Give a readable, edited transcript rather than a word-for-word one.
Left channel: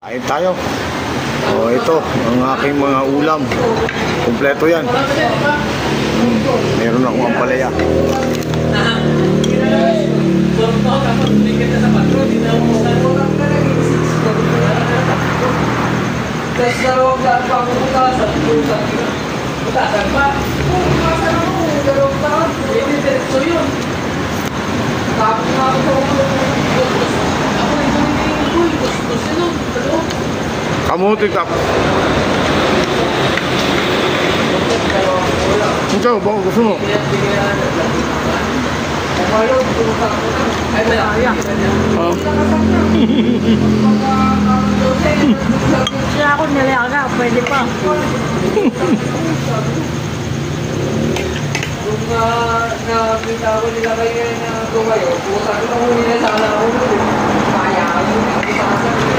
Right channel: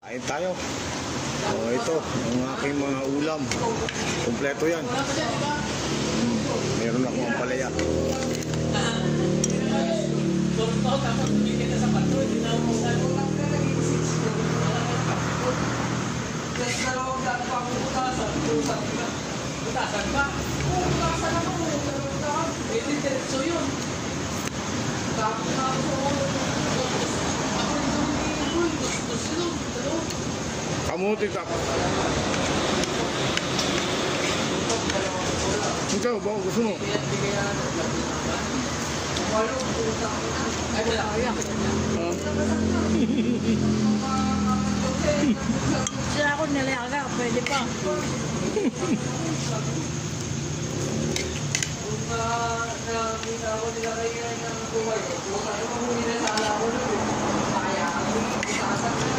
Kain tayo. Ito ang aking mga ulam. Kumpleto yan. Meron akong ampalaya. Kamuti kap. Ikaw, baka gusto mo? Ay, malaya. Kaya ako nalaga, pwede pa. Kung nakita ko nila kayo na tumayo, kung sabi ko nila sana ako, kaya ako yung nakita